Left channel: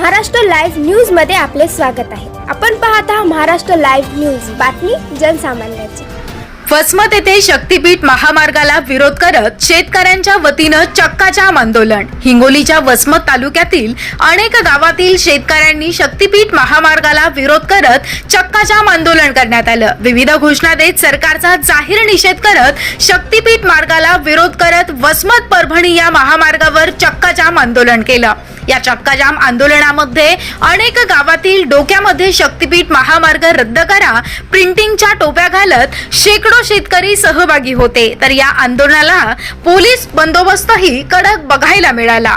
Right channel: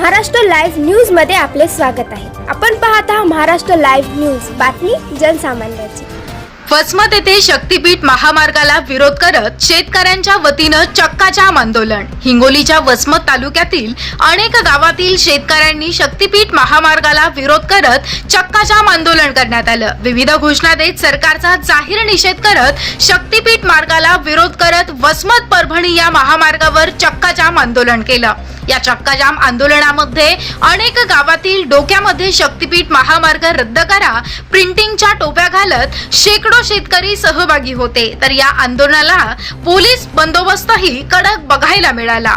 Maharashtra live न्यूजमध्ये आपले स्वागत आहे. आपण पाहत आहात महाराष्ट्र लाईव्ह न्यूज. बातमी जनसामान्याची. वसमत येथे शक्तीपीठ महामार्गाला विरोध करत शेतकऱ्यांच्या वतीनं चक्काजाम आंदोलन. हिंगोलीच्या वसमत तालुक्यातील अनेक गावातील शेतकऱ्यांनी शक्तीपीठ महामार्गाला विरोध करत चक्काजाम आंदोलन करण्यात आलं. विविध घोषणा देत सरकारचा जाहीर निषेध करत शक्तीपीठ मार्गाला विरोध करत वसमत परभणी या महामार्गावर चक्काजाम आंदोलन केलं. या चक्काजाम आंदोलनामध्ये अनेक गावातील डोक्यामध्ये शक्तीपीठ महामार्ग रद्द करा प्रिंटिंगच्या टोप्या घालत शेकडो शेतकरी सहभागी होते. तर या आंदोलनाला पोलीस बंदोबस्तही कडक बघायला मिळाला.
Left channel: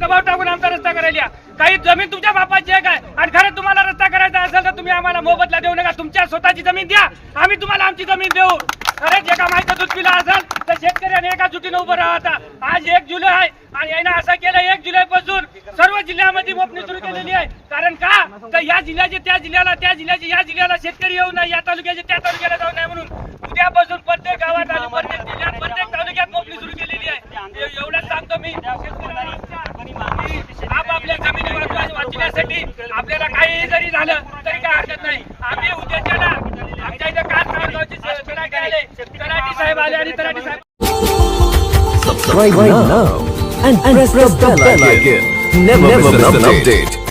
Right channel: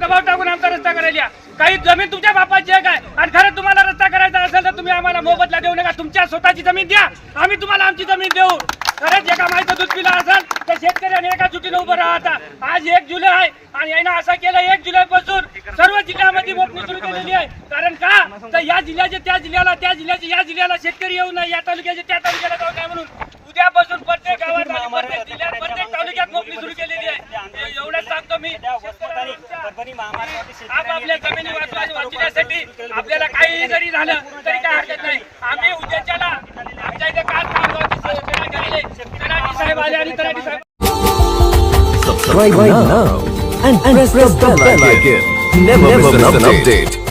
दबाव टाकून आमचा रस्ता करायला काही जमीन तुमच्या बापाची आहे काय? आणि खरं तुम्हाला रस्ता करायचा असेल तर तुम्ही आम्हाला मोबदला देऊ नका. तुमच्या स्वतःची जमीन द्या. आम्ही तुम्हाला आमची जमीन देऊ. खरंच एका माहिती दूध पिला असेल शेतकऱ्यांनी एका जुटीनं उभं राहता. आज एक जुलै आहे आणि यानं असं केलं एक जुलै पासून सर्व जिल्ह्यामध्ये मोपणी सुरू केलेली आहे. कारण का? तर या जिल्ह्याचे त्या जिल्ह्याला त्या जिल्ह्याचे या जिल्ह्याला शेतकरी येऊ नये या तालुक्याचे त्या तालुक्याला जाऊ नये म्हणून उद्यापासून प्रत्येक गावात आणि प्रत्येक जिल्ह्यात प्रत्येक तालुक्यात मोपणी सुरू केलेली आहे. एवढंच सांगतो मी. आपापल्या जमिनी वाचवा वाचण्यासाठी आपल्याला काही जरी झालं तरी काय हरकत नाही. आम्ही उद्याच्याला आमच्या इथं काल तलाठी साहेब आले आणि तलाठी साहेब Subscribe, right now, and, and press, press, the bell, bell icon. icon. Never, Never miss, miss an update. update.